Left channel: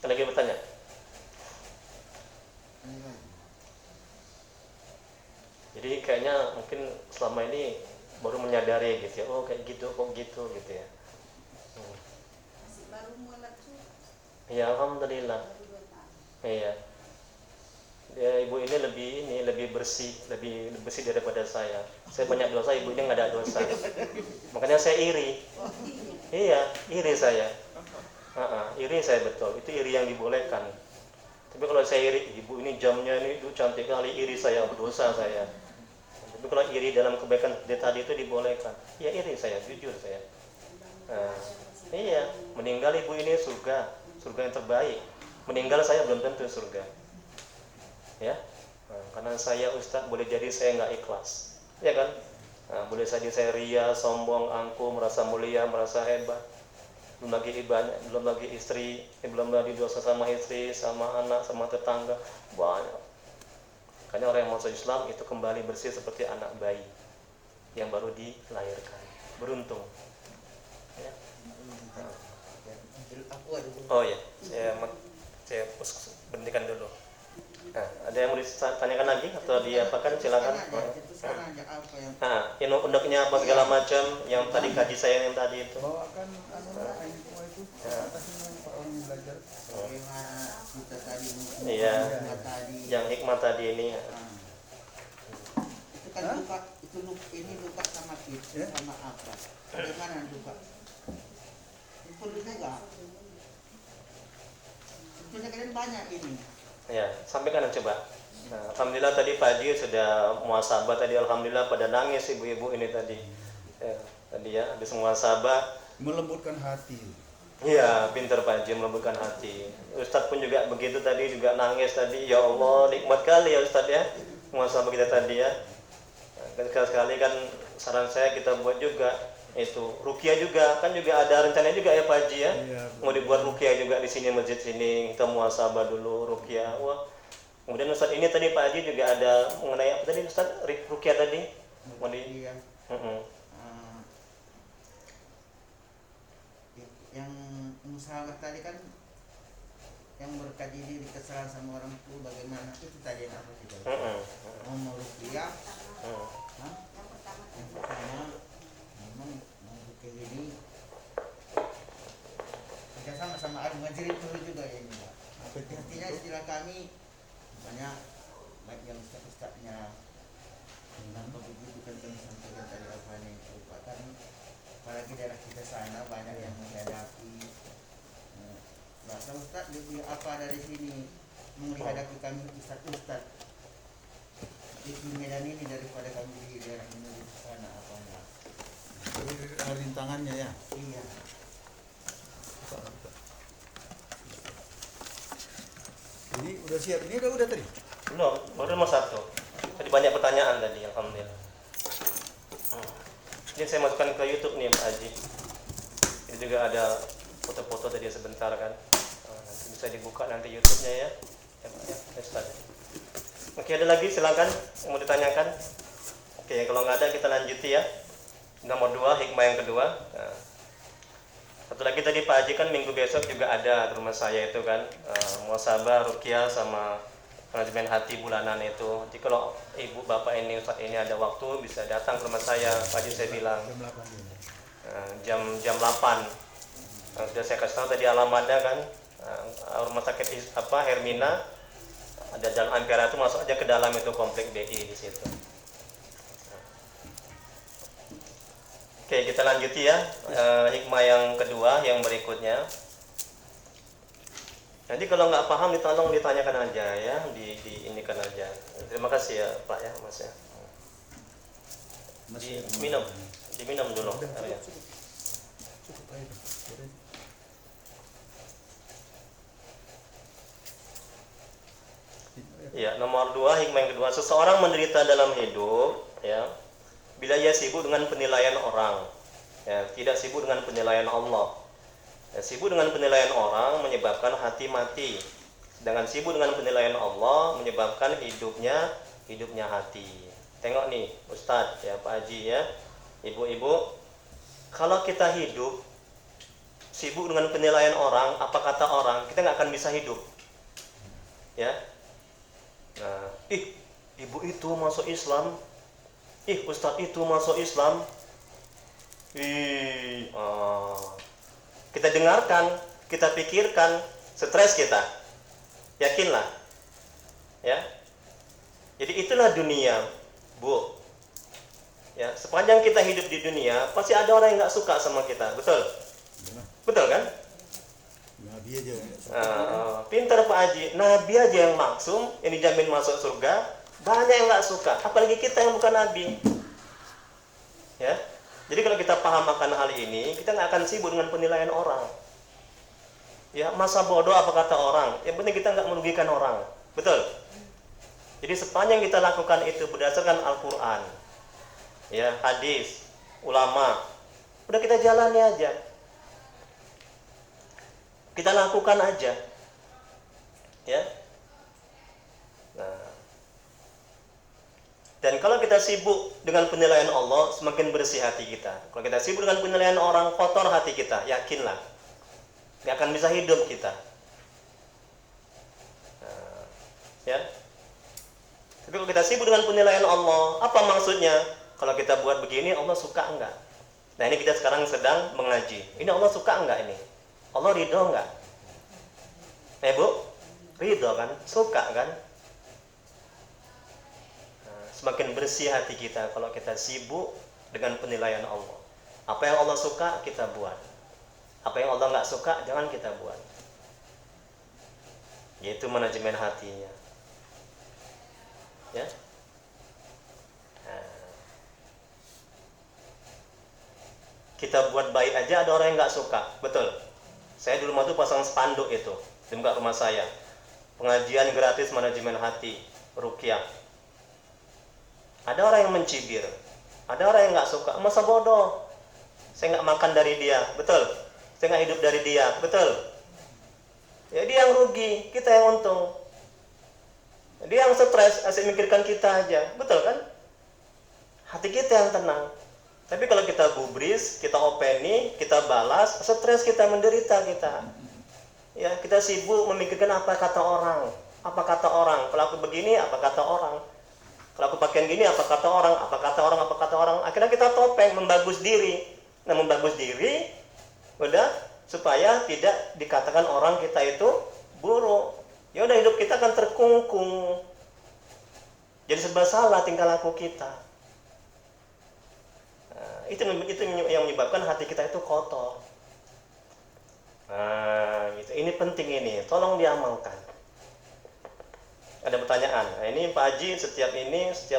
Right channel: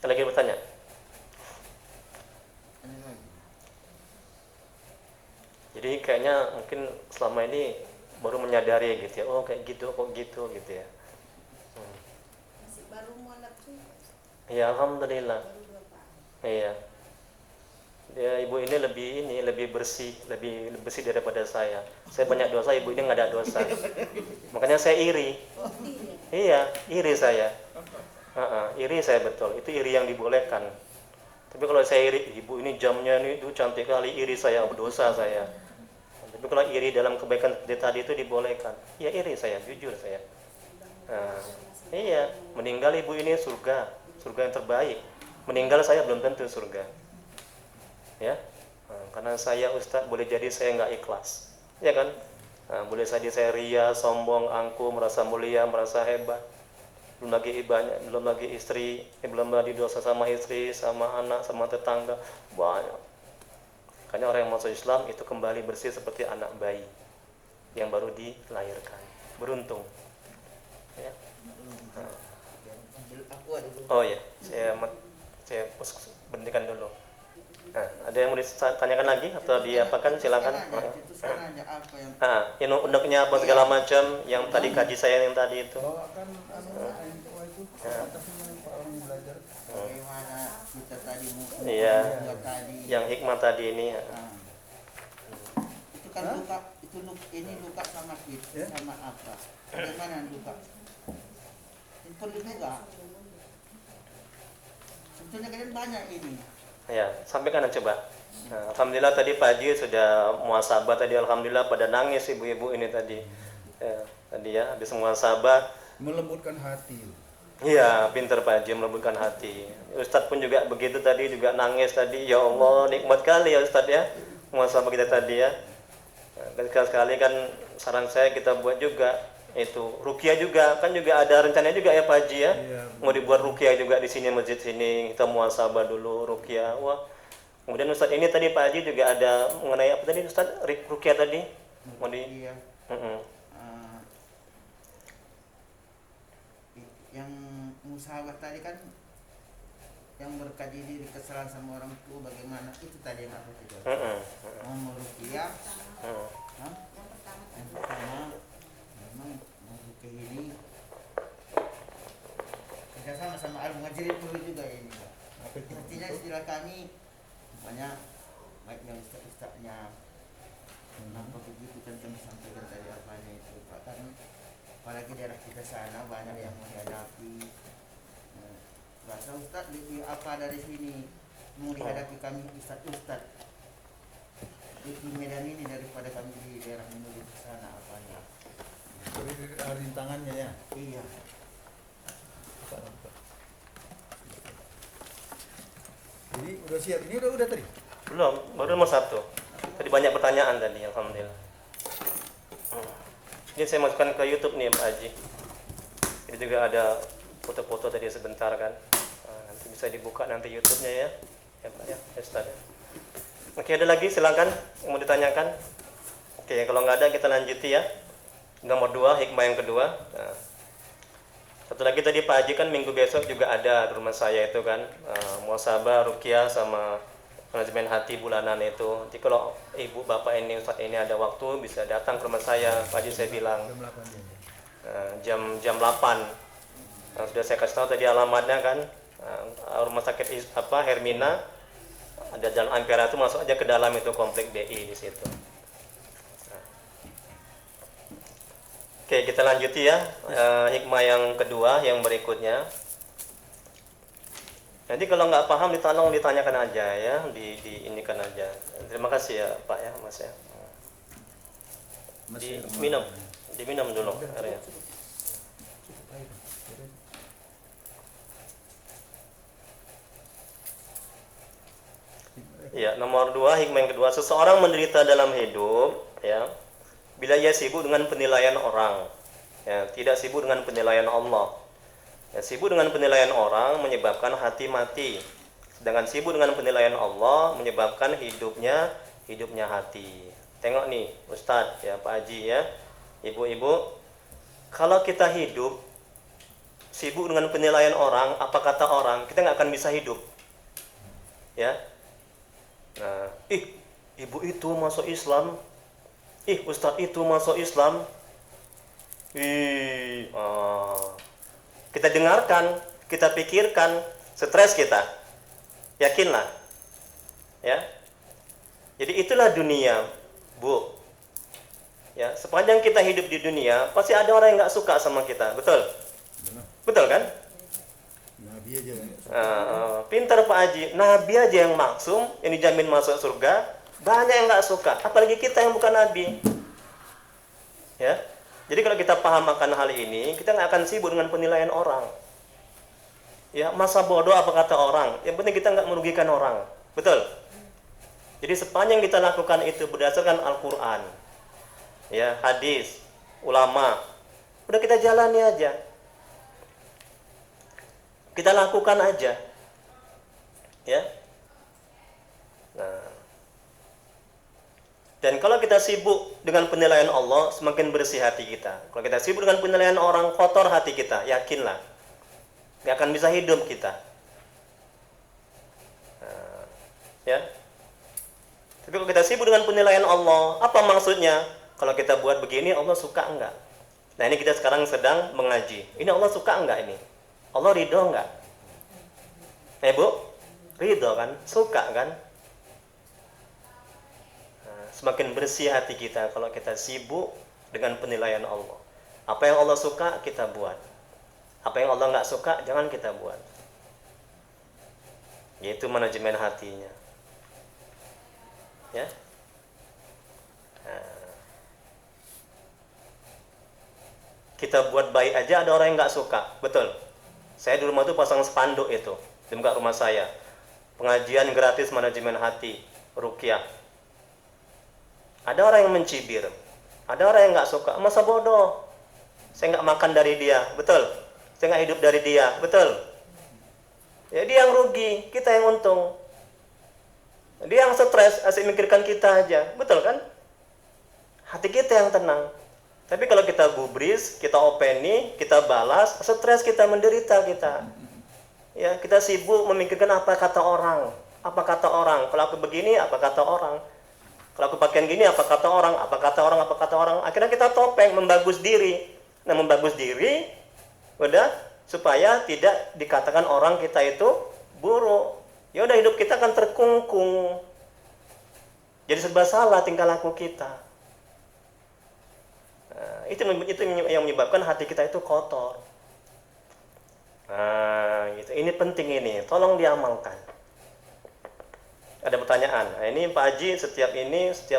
Ada lagi bertanya? Jadi kayaknya mungkin selama ini baru menyadari gitu ya, oh kayak gitu, kok gitu gitu ya. Masih baru mualaf tuh. Iya, alhamdulillah. Baru 2 tahun. Iya. Ya, ibu ini lebih bersih, lebih bersih daripada saya. Saya banyak dosa, ibu ini nggak ada dosa. Makanya saya iri. Oh iya. Iya, iri saya. Iri saya betul. Itu iri yang dibolehkan. Tapi kalau saya iri, ibu ini jamnya ini itu cantik kali, iri saya, dosa saya. Tapi kalau iri dalam kebaikan seperti tadi itu dibolehkan. Ya iri saya, jujur saya. Nah, iya, meninggal ibu ini surga, surga yang terbaik. Meninggal saya belum tentu surga. Ya, karena saya Ustaz boleh jadi saya nggak ikhlas, ya kan? Nah, boleh saja saya ria, sombong, angkuh, merasa mulia, merasa hebat. Belum lagi ibadah, belum lagi istri, belum lagi dosa sama istri, sama anak, sama tetangga, banyak. Karena orang yang masuk Islam itu kembali bersih seperti anak bayi yang baru dilahirkan. Beruntung. Ya. Oh ya, saya berhentikan dulu. Nah, ada yang mau ditanyakan lagi atau diapakan? Silakan. Unduknya apa segala macam yang tadi kaji saya yang tadi itu. Bawakan info itu ke atasnya Pak orang yang belajar. Bagaimana kita tadi Iya. tadi. Yang hikmah tadi ini. Itu kan luka, ini luka sama kita, sama apa? Bagaimana luka? Perlu juga. Sebetulnya kan banyak ini. Ya, sampaikan coba. Nah, alhamdulillah tadi Pak Haji sudah muhasabah tadi, alhamdulillah pada nangis ibu-ibu ini tadi. Ya, tadi ya habis muhasabah. Melembutkan hati. Iya, pintar Pak Haji melembutkan hati. Ustadz pun juga begitu tadi, juga nangis tadi. Ya Allah, nikmat kali ya Ustadz ya muhasabah kita tadi ya. Dan sekali-sekali kan saran saya kita buat juga itu ruqyah juga, kan juga ada rencana juga ya Pak Haji ya. Iya, Mau dibuat ruqyah juga di sini, masjid sini, kita muhasabah dulu ruqyah. Wah. Kemudian Ustadz ini tadi Pak Haji juga ada mengenai apa tadi Ustadz, ruqyah tadi? Mau di Yang yang musyawarah tadi kan yang berkaji diri kesalahan sama orang tua bagaimana itu tadi yang apa itu? Mau meruqyah. Yang pertama Memang meruqyah ini kita sama-sama harus ngajarin dulu juga ini. Apa itu? Artinya istilah kami banyak yang ustaz-ustaznya kenapa begitu kan kami sampaikan tadi apa ini merupakan apalagi daerah kita sana banyak yang menghadapi bahasa ustaz apa dari sini mau dihadapi kami ustaz di Medan ini daripada kami di daerah menuju ke sana apanya. Rintangannya ya. Iya. Jadi udah siap, ini udah tadi. belum, baru nomor 1. Tadi banyak pertanyaan tadi, alhamdulillah. Ini saya masukkan ke YouTube nih Pak Haji. Ini juga ada foto-foto tadi sebentar kan. Nanti bisa dibuka nanti YouTube-nya ya. Ya Pak ya, Ustaz. Oke, ada lagi silakan yang mau ditanyakan. Oke, kalau nggak ada kita lanjuti ya. Nomor 2, hikmah yang kedua. Nah, satu lagi tadi Pak Haji kan minggu besok juga ada di rumah saya itu kan, muhasabah, ruqyah sama manajemen hati bulanan itu. Jadi kalau ibu bapak ini Ustaz ini ada waktu bisa datang ke rumah saya. Pak Haji saya bilang Jam 8 ya. jam 8. Sudah saya kasih tahu tadi alamatnya kan, rumah sakit Hermina, ada Jalan Ampera itu, masuk aja ke dalam itu komplek BI di situ. Oke, kita lanjuti ya. Hikmah yang kedua, yang berikutnya. Jadi kalau nggak paham ditolong ditanyakan aja ya, diinikan aja. Terima kasih ya Pak ya, Mas ya. Diminum dulu. Ya, nomor 2, hikmah yang kedua, seseorang menderita dalam hidup, ya, bila ia sibuk dengan penilaian orang, ya, tidak sibuk dengan penilaian Allah. Ya, sibuk dengan penilaian orang menyebabkan hati mati, sedangkan sibuk dengan penilaian Allah menyebabkan hidupnya hati. Tengok nih, Ustadz, ya, Pak Haji ya, ibu-ibu, kalau kita hidup sibuk dengan penilaian orang, apa kata orang, kita nggak akan akan bisa hidup. Ya. Nah, ibu itu masuk Islam, ustadz itu masuk Islam. Kita dengarkan, kita pikirkan, stres kita. Yakinlah. Ya. Jadi itulah dunia, Bu. Ya, sepanjang kita hidup di dunia, pasti ada orang yang nggak suka sama kita, betul? Benar. Betul kan? Nabi aja. Pintar Pak Haji, Nabi aja yang maksum, yang dijamin masuk surga, banyak yang nggak suka, apalagi kita yang bukan Nabi. Ya, jadi kalau kita paham akan hal ini, kita nggak akan sibuk dengan penilaian orang. Ya, masa bodoh apa kata orang? Yang penting kita nggak merugikan orang, betul? Jadi sepanjang kita lakukan itu berdasarkan Al-Quran, ya, hadis, ulama, udah kita jalani aja, kita lakukan aja, ya. Nah, dan kalau kita sibuk dengan penilaian Allah, semakin bersih hati kita. Kalau kita sibuk dengan penilaian orang, kotor hati kita, yakinlah, nggak akan bisa hidup kita. Nah, ya. Tapi kalau kita sibuk dengan penilaian Allah, apa maksudnya? Kalau kita buat begini, Allah suka enggak? Nah, ini kita sekarang sedang mengaji. Ini Allah suka enggak ini? Allah ridho enggak? Bu? Ridho kan? Suka kan? Nah, semakin bersih hati kita kalau kita sibuk dengan penilaian Allah. Apa yang Allah suka, kita buat. Apa yang Allah enggak suka, jangan kita buat. Yaitu manajemen hatinya. Ya. Kita buat baik aja ada orang yang nggak suka, betul. Saya di rumah tuh pasang spanduk itu di muka rumah saya, pengajian gratis manajemen hati, ruqyah. Ada orang yang mencibir, ada orang yang nggak suka, masa bodoh, saya nggak makan dari dia, betul. Saya nggak hidup dari dia, betul. Ya, dia yang rugi, kita yang untung. Dia yang stres, asik mikirkan kita aja, betul kan? Hati kita yang tenang. Tapi kalau kita gubris, kita openi, kita balas, stres kita, menderita kita. Ya, kita sibuk memikirkan apa kata orang, apa kata orang. Kalau aku begini, apa kata orang. Kalau aku pakaian gini, apa kata orang, apa kata orang, apa kata orang. Akhirnya kita topeng, membagus diri. Nah, membagus diri, udah supaya tidak dikatakan orang kita itu buruk. Ya udah, hidup kita akan terkungkung. Jadi serba salah tingkah laku kita. Nah, itu yang menyebabkan hati kita itu kotor. Nah, gitu. Ini penting ini, tolong diamalkan. Ada pertanyaan. Nah, ini Pak Haji setiap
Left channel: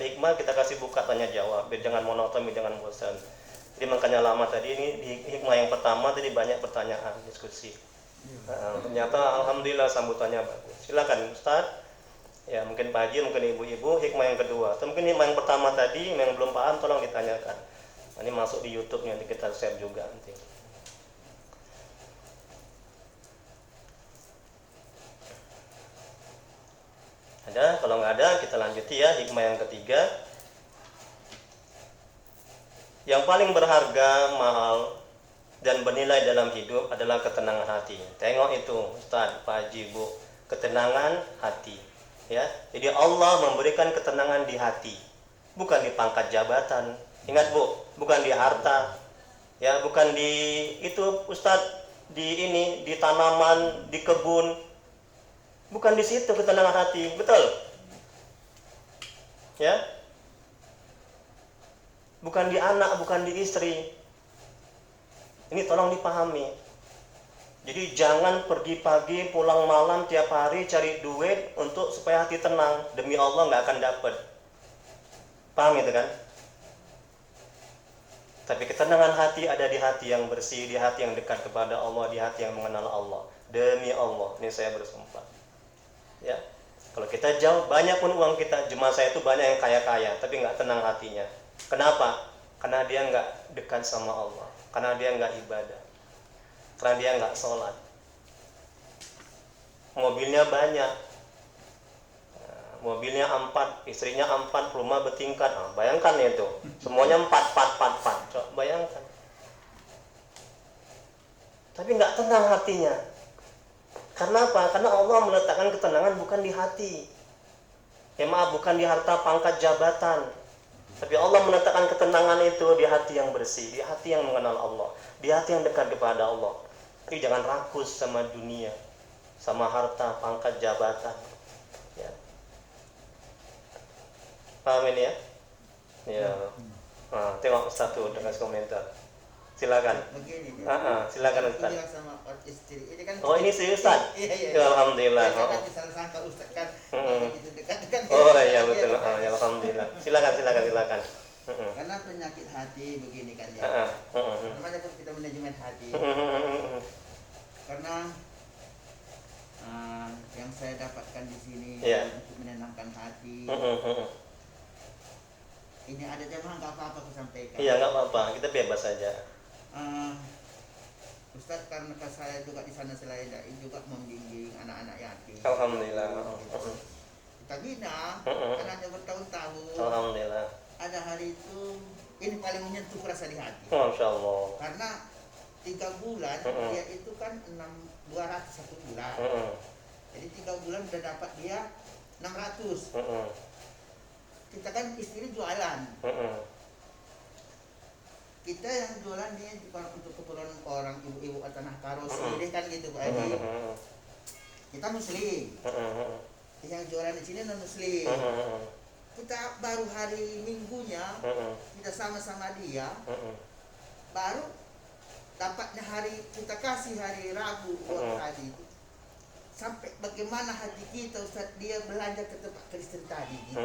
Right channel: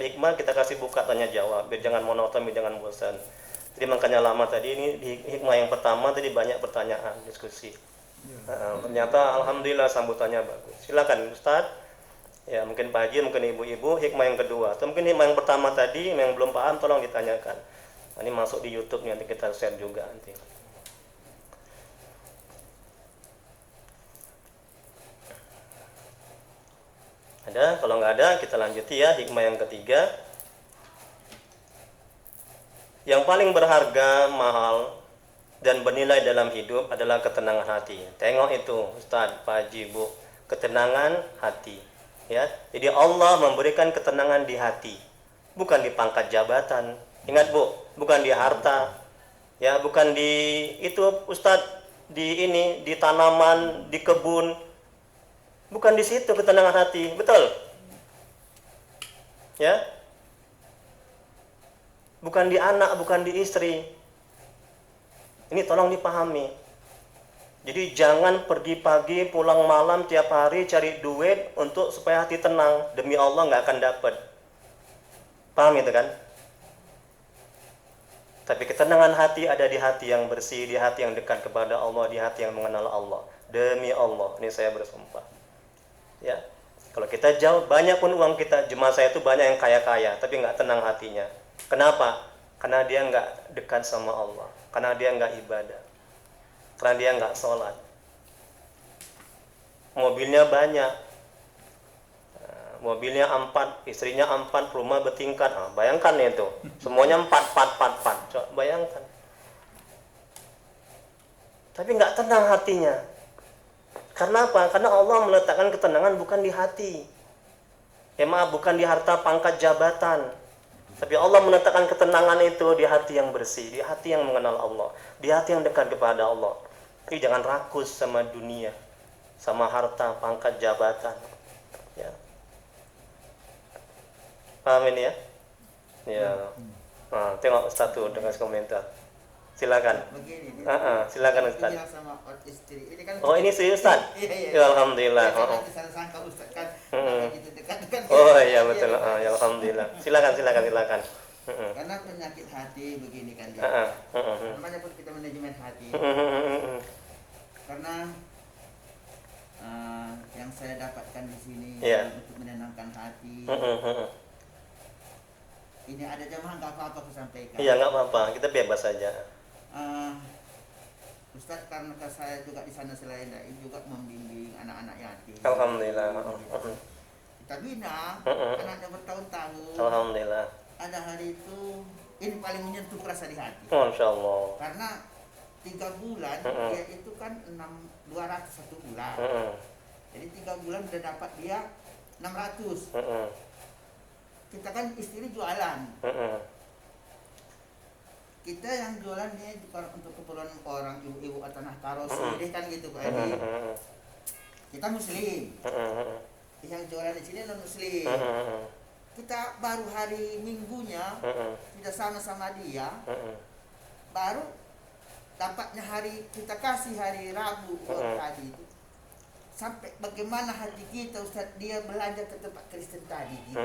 hikmah kita kasih buka tanya jawab, biar jangan monoton, biar jangan bosan. Jadi makanya lama tadi ini di hikmah yang pertama tadi banyak pertanyaan, diskusi. Nah, ternyata alhamdulillah sambutannya bagus. Silakan Ustaz. Ya, mungkin Pak Haji, mungkin ibu-ibu, hikmah yang kedua. Atau mungkin hikmah yang pertama tadi yang belum paham tolong ditanyakan. Nah, ini masuk di YouTube nanti kita share juga nanti. Ada? Kalau nggak ada kita lanjuti ya hikmah yang ketiga. Yang paling berharga, mahal, dan bernilai dalam hidup adalah ketenangan hati. Tengok itu Ustaz, Pak Haji, Bu, ketenangan hati. Ya, jadi Allah memberikan ketenangan di hati, bukan di pangkat jabatan. Ingat Bu, bukan di harta. Ya, bukan di itu Ustaz, di tanaman, di kebun. Bukan di situ ketenangan hati, betul? Ya. Bukan di anak, bukan di istri. Ini tolong dipahami. Jadi jangan pergi pagi, pulang malam tiap hari cari duit untuk supaya hati tenang. Demi Allah nggak akan dapat. Paham itu kan? Tapi ketenangan hati ada di hati yang bersih, di hati yang dekat kepada Allah, di hati yang mengenal Allah. Demi Allah, ini saya bersumpah. Ya, kalau kita jauh, banyak pun uang kita, jemaah saya itu banyak yang kaya-kaya, tapi nggak tenang hatinya. Kenapa? Karena dia nggak dekat sama Allah, karena dia nggak ibadah, karena dia nggak sholat. Mobilnya banyak, mobilnya 4, istrinya 4, rumah bertingkat. Nah, bayangkan itu, semuanya 4. Coba bayangkan. Tapi nggak tenang hatinya. Karena apa? Karena Allah meletakkan ketenangan bukan di hati. Ya maaf, bukan di harta, pangkat, jabatan. Tapi Allah meletakkan ketenangan itu di hati yang bersih, di hati yang mengenal Allah, di hati yang dekat kepada Allah. Jadi jangan rakus sama dunia, sama harta, pangkat, jabatan. Ya. Paham ini ya? Ya. Nah, tengok Ustaz tuh dengan komentar. Silakan. Begini Silakan Ustaz. bilang sama orang istri ini kan Oh, ini si Ustaz. iya Ya, alhamdulillah. jangan disangka Ustaz kan gitu dekat-dekat Oh iya betul. Ya, alhamdulillah. Silakan. karena penyakit hati begini kan ya Heeh. namanya pun kita manajemen hati karena yang saya dapatkan di sini Iya. untuk menenangkan hati ini ada jamaah nggak apa-apa aku sampaikan. Iya, nggak apa-apa. Kita bebas saja. Ustaz karena saya juga di sana selain dai juga membimbing anak-anak yatim. Alhamdulillah. Kita bina anaknya bertahun-tahun. Alhamdulillah. Ada hari itu ini paling menyentuh rasa di hati. Masya Allah. Karena 3 bulan dia itu kan 200 satu bulan. Jadi 3 bulan udah dapat dia 600. Kita kan istri jualan. Kita yang jualan ini bukan untuk keperluan orang ibu-ibu atau tanah paros ini kan gitu Pak Edi. Kita muslim. Yang jualan di sini non muslim. Kita baru hari minggunya kita sama-sama dia. Baru dapatnya hari kita kasih hari Rabu tadi itu. Sampai bagaimana hati kita Ustaz dia belanja ke tempat Kristen tadi gitu.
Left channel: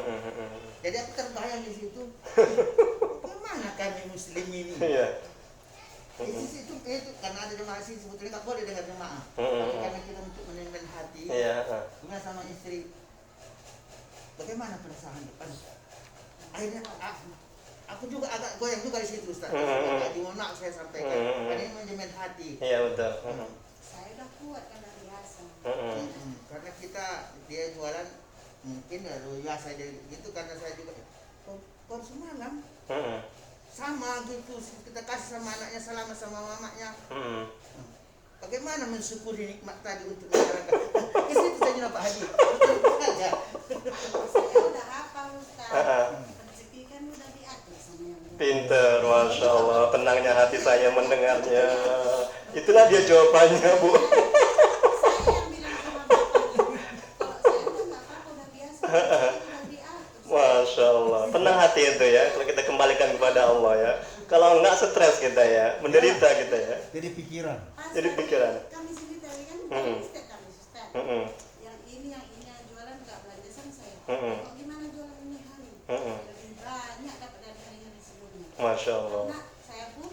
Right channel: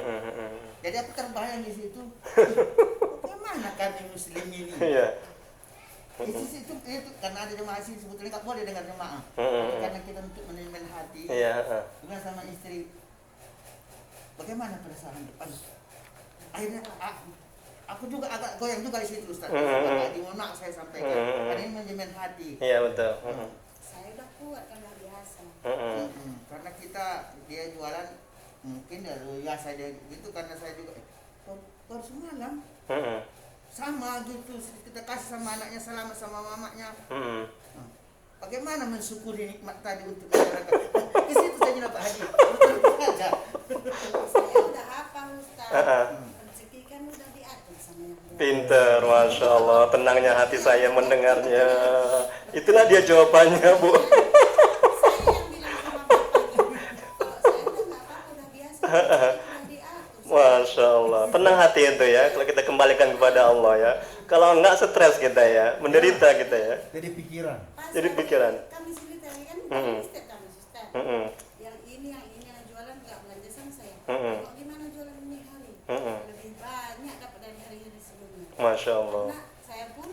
Jadi aku terbayang di situ. Bagaimana kami muslim ini? Iya. Itu karena ada jemaah sih sebetulnya nggak boleh dengar jemaah. Karena kita untuk manajemen hati. Iya. Dengan sama istri. Bagaimana perasaan depan? Akhirnya aku juga agak goyang juga di situ Ustaz. Di mohon saya sampaikan. Karena ini manajemen hati. Iya betul. Saya udah kuat karena biasa. Karena kita dia jualan mungkin ya saya dia gitu karena saya juga baru semalam sama gitu kita kasih sama anaknya selama sama mamanya. Bagaimana mensyukuri nikmat tadi untuk masyarakat? Di situ saja Pak Haji. Betul saja. Saya udah hafal Ustaz. Rezeki kan udah diatur sama yang Tuhan. Pinter, Masya Allah. Tenangnya hati saya mendengarnya. Itulah dia jawabannya, Bu. Saya yang bilang sama Bapak, kalau saya udah nggak apa-apa udah biasa. Rezeki udah diatur. Masya Allah. Tenang hati itu ya. Kalau kita kembalikan kepada Allah ya. Kalau enggak stres kita ya. Menderita kita ya. Jadi pikiran. Pas Jadi pikiran. Kami sini tadi kan Ustaz kami Ustaz. Yang ini yang jualan nggak belanja sama saya. Kok gimana jualan ini hari? Lebih banyak dapat dari hari-hari sebelumnya. Masya Allah. Karena saya pun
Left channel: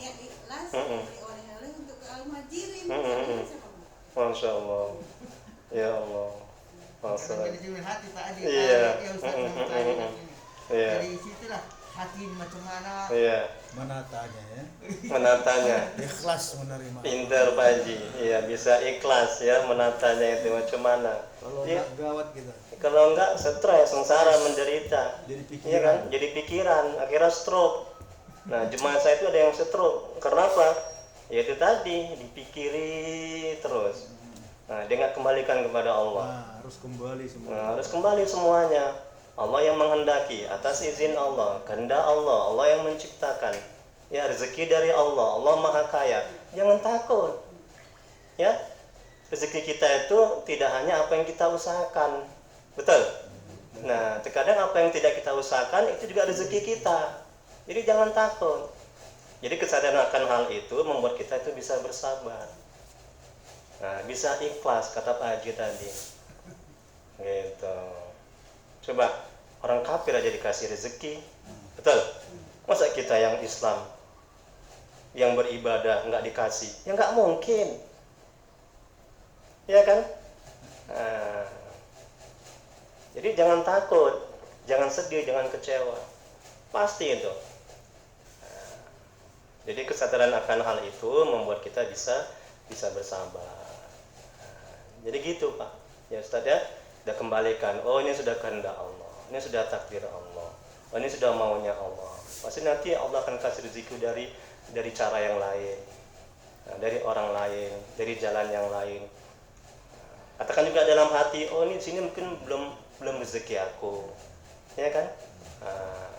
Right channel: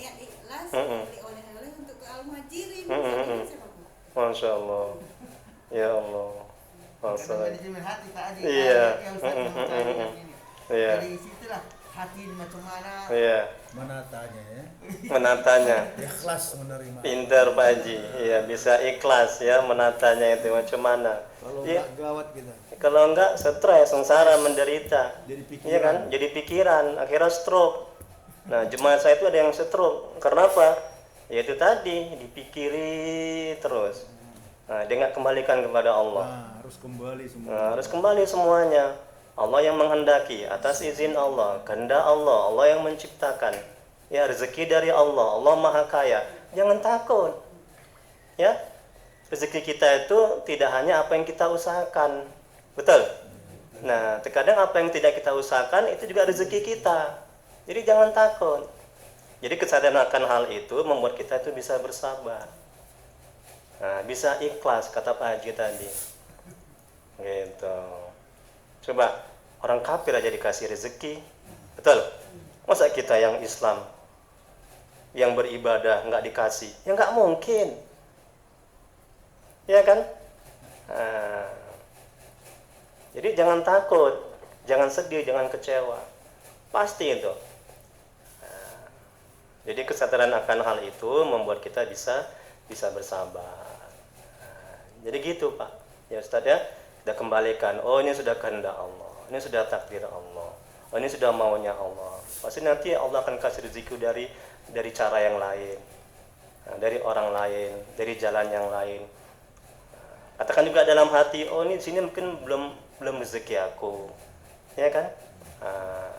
niat ikhlas beli oleh-oleh untuk ke Al-Muhajirin. Jadi saya mau. Masya Allah. Ya Allah. Masya Allah. Manajemen hati Pak Haji. Iya. Ya Ustaz sama kali ini. Iya. Dari situlah hati ini macam mana. Iya. Menatanya ya. Menatanya. Ikhlas menerima. Pinter Pak Haji. Iya, bisa ikhlas ya menatanya itu macam mana. Kalau Iya. enggak gawat kita. Kalau enggak stres, sengsara, menderita. Jadi Iya pikiran. kan? Jadi pikiran, akhirnya stroke. Nah, jemaah saya itu ada yang stroke. Karena apa? Ya itu tadi, dipikiri terus. Nah, dia nggak kembalikan kepada Allah. Nah, harus kembali semua. Nah, harus kembali semuanya. Allah yang menghendaki atas izin Allah, kehendak Allah, Allah yang menciptakan. Ya, rezeki dari Allah, Allah Maha Kaya. Jangan takut. Ya. Rezeki kita itu tidak hanya apa yang kita usahakan. Betul? Nah, terkadang apa yang tidak kita usahakan itu juga rezeki kita. Jadi jangan takut. Jadi kesadaran akan hal itu membuat kita itu bisa bersabar. Nah, bisa ikhlas kata Pak Haji tadi. Gitu. Coba orang kafir aja dikasih rezeki. Betul? Masa kita yang Islam yang beribadah nggak dikasih? Ya nggak mungkin. Ya kan? Nah, jadi jangan takut, jangan sedih, jangan kecewa. Pasti itu. Nah, jadi kesadaran akan hal itu membuat kita bisa bersabar. Nah, jadi gitu Pak. Ya Ustaz ya, kita kembalikan. Oh ini sudah kehendak Allah, ini sudah takdir Allah, oh ini sudah maunya Allah. Pasti nanti Allah akan kasih rezeki dari cara yang lain, nah, dari orang lain, dari jalan yang lain. Katakan juga dalam hati, oh ini di sini mungkin belum rezeki aku, ya kan? Nah,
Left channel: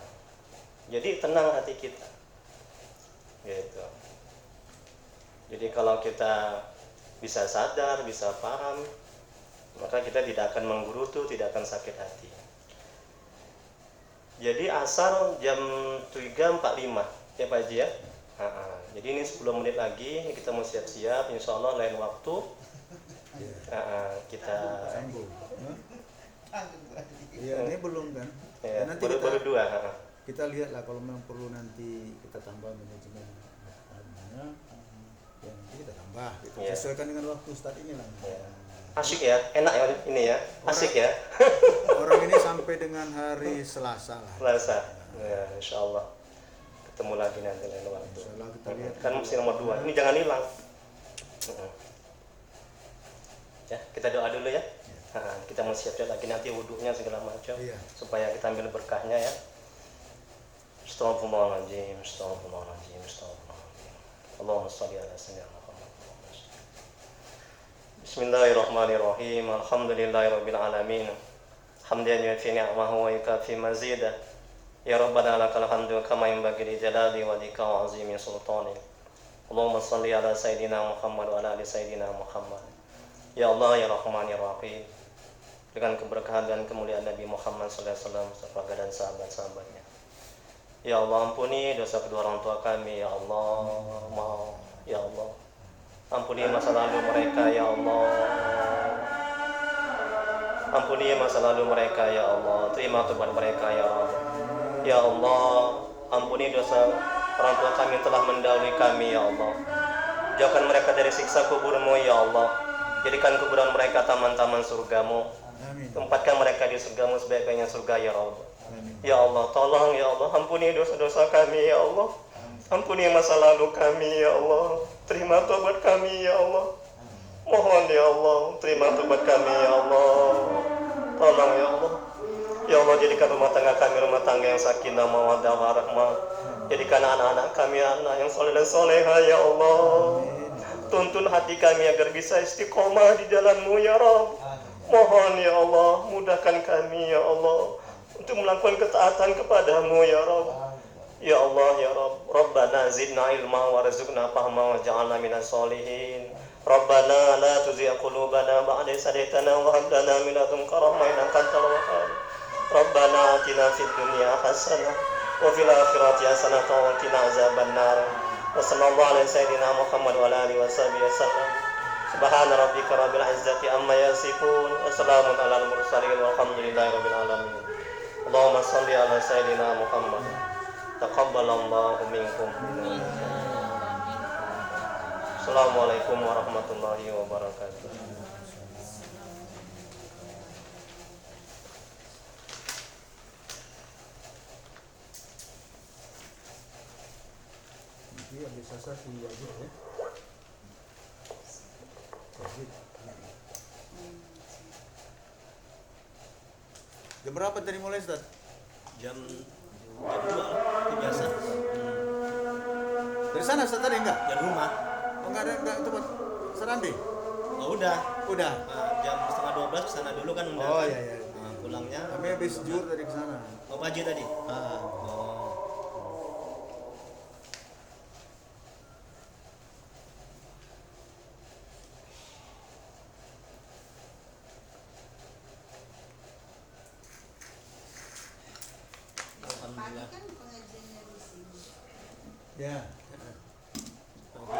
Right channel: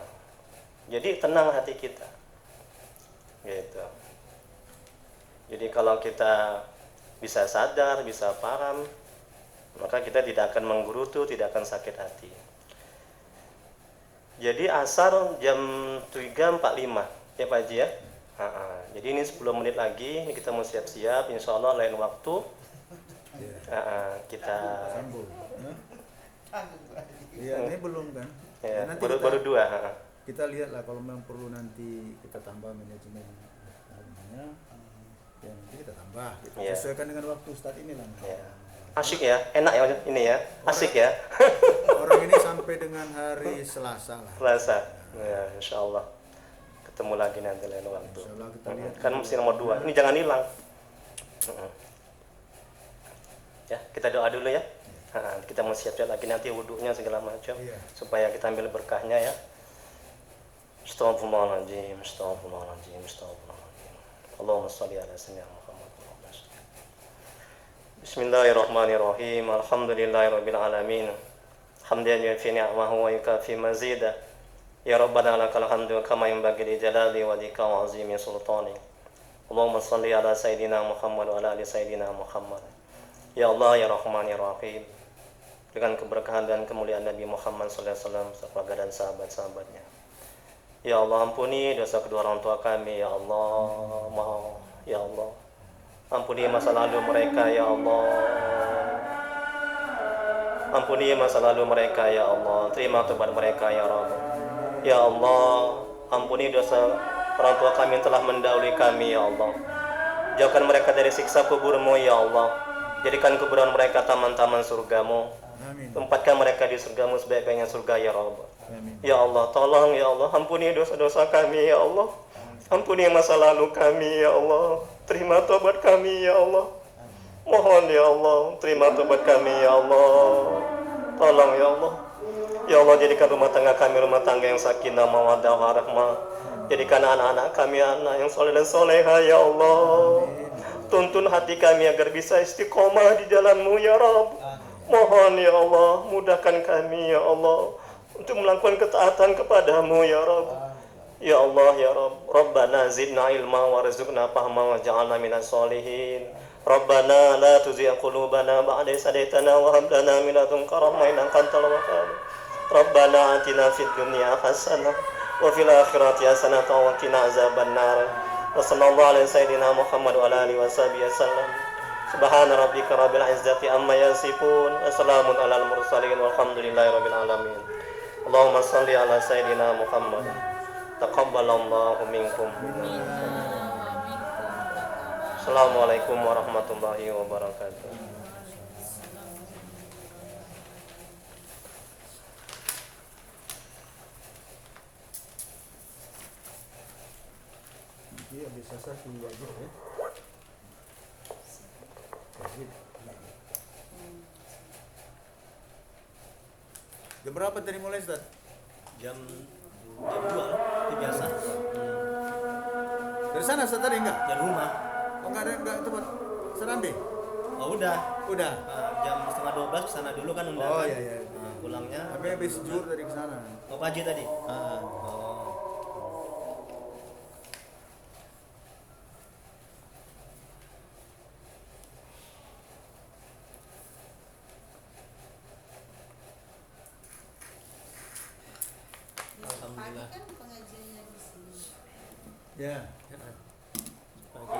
jadi tenang hati kita, gitu. Jadi kalau kita bisa sadar, bisa paham, maka kita tidak akan menggerutu, tidak akan sakit hati. Jadi asar jam 3.45 ya Pak Haji ya. Jadi ini 10 menit lagi kita mau siap-siap, insya Allah lain waktu kita Sambung. Iya, ini belum kan? ya, Ya, nanti baru dua. kita lihat lah kalau memang perlu nanti kita tambah manajemen adminnya, ya nanti kita tambah gitu. Iya. Sesuaikan dengan waktu start ini lah. Ya. Asik ya, enak ya ini ya, asik ya. Orang ini sampai dengan hari Selasa lah. Selasa, ya, insya Allah ketemu lagi nanti lain waktu. Insya Allah kita lihat. Kan mesti nomor 2, ini jangan hilang. Ya, kita doa dulu ya. Kita mau siap-siap lagi nanti wudhunya segala macam, Iya. supaya kita ambil berkahnya ya. Astagfirullahaladzim, astagfirullahaladzim, astagfirullahaladzim. Allahumma shalli ala sayyidina Muhammad. Bismillahirrahmanirrahim. Alhamdulillahirabbil alamin. Hamdan yufi ni'amahu wa yukafi mazidah. Ya Rabbana lakal hamdu kama yanbaghi li jalali wajhika wa 'azimi sultanik. Allahumma shalli ala sayyidina Muhammad wa ala ali sayyidina Muhammad. Ya Allah ya Rahman ya Rahim. Dengan keberkahan dan kemuliaan Nabi Muhammad sallallahu alaihi wasallam, keluarga dan sahabat-sahabatnya. Ya Allah, ampuni dosa kedua orang tua kami ya Allah. Ya Allah, ampuni masa lalu mereka ya Allah. Ampuni masa lalu mereka ya Allah. Terima tobat mereka ya Allah. Ya Allah, ampuni dosa orang tua kami yang telah mendahului kami ya Allah. Jauhkan mereka dari siksa kuburmu ya Allah. Jadikan kuburan mereka taman-taman surgamu. Amin. Tempatkan mereka di surgamu sebaik-baiknya surga ya Allah. Amin. Ya Allah, tolong ya Allah, ampuni dosa-dosa kami ya Allah. Ampuni masa lalu kami ya Allah. Terima tobat kami ya Allah. Mohon ya Allah, terima tobat kami ya Allah. Tolong ya Allah. Ya Allah, jadikan rumah tangga kami rumah tangga yang sakinah mawaddah warahmah. Jadikan anak-anak kami anak yang soleh dan soleha ya Allah. Tuntun hati kami agar bisa istiqomah di jalan-Mu ya Rabb. Mohon ya Allah, mudahkan kami ya Allah untuk melakukan ketaatan kepadamu ya Rabb. Ya Allah ya Rabb. Rabbana zidna ilma warzuqna fahma waj'alna minas solihin. Rabbana la tuzigh qulubana ba'da idh hadaytana wa hab lana min ladunka rahmah innaka antal wahhab. Rabbana atina fid dunya hasanah wa fil akhirati hasanah wa qina azabannar. Wa sallallahu ala sayyidina Muhammad wa ala alihi washabihi wasallam. Subhana rabbika rabbil izzati amma yasifun wa salamun alal mursalin walhamdulillahi rabbil alamin. Allahumma shalli ala sayyidina Muhammad. Taqabbalallahu minkum. Assalamualaikum warahmatullahi wabarakatuh. Nanti habis asar di aja ya. Wajib. Jam berapa tadi mulai Ustaz? jam 2 lah, itu biasa. Dari sana Ustaz tadi enggak? Dari rumah. Oh enggak tempat Serambi? Oh udah. Udah. Jam 11:30 kesana dulu kan undangan. Oh iya iya. Pulangnya. Kami habis zuhur tadi ke sana. Oh pagi tadi. Ah. Oh. Alhamdulillah. Pagi kan pengajiannya di sini. Ya. Pagi.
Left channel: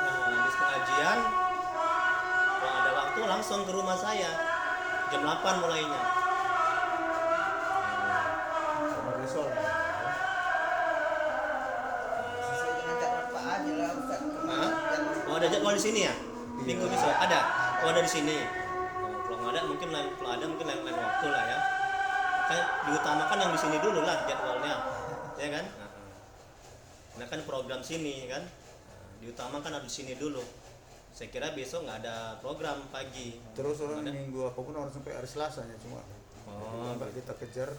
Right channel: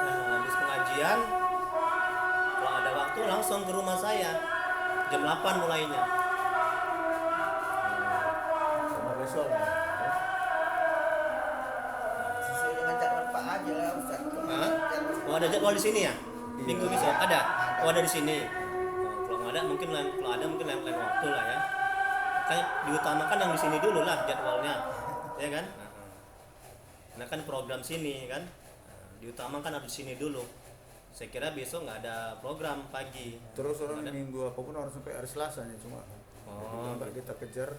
Habis pengajian, kalau ada waktu langsung ke rumah saya. Jam 8 mulainya. Sama besok. Sesuai dengan jadwal Pak Haji lah Ustaz. Hah? Oh ada jadwal di sini ya? Minggu besok ada? Oh ada di sini. Oh, kalau nggak ada mungkin lain waktu lah ya. Makanya diutamakan yang di sini dulu lah jadwalnya, ya kan? Karena kan program sini kan, diutamakan harus di sini dulu. Saya kira besok nggak ada program pagi. Terus orang Nggak ada. minggu apapun orang sampai hari Selasa ya cuma. Oh, Mbak kita kejar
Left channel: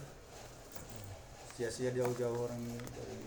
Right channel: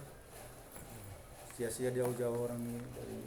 sia-sia jauh-jauh orang ini dari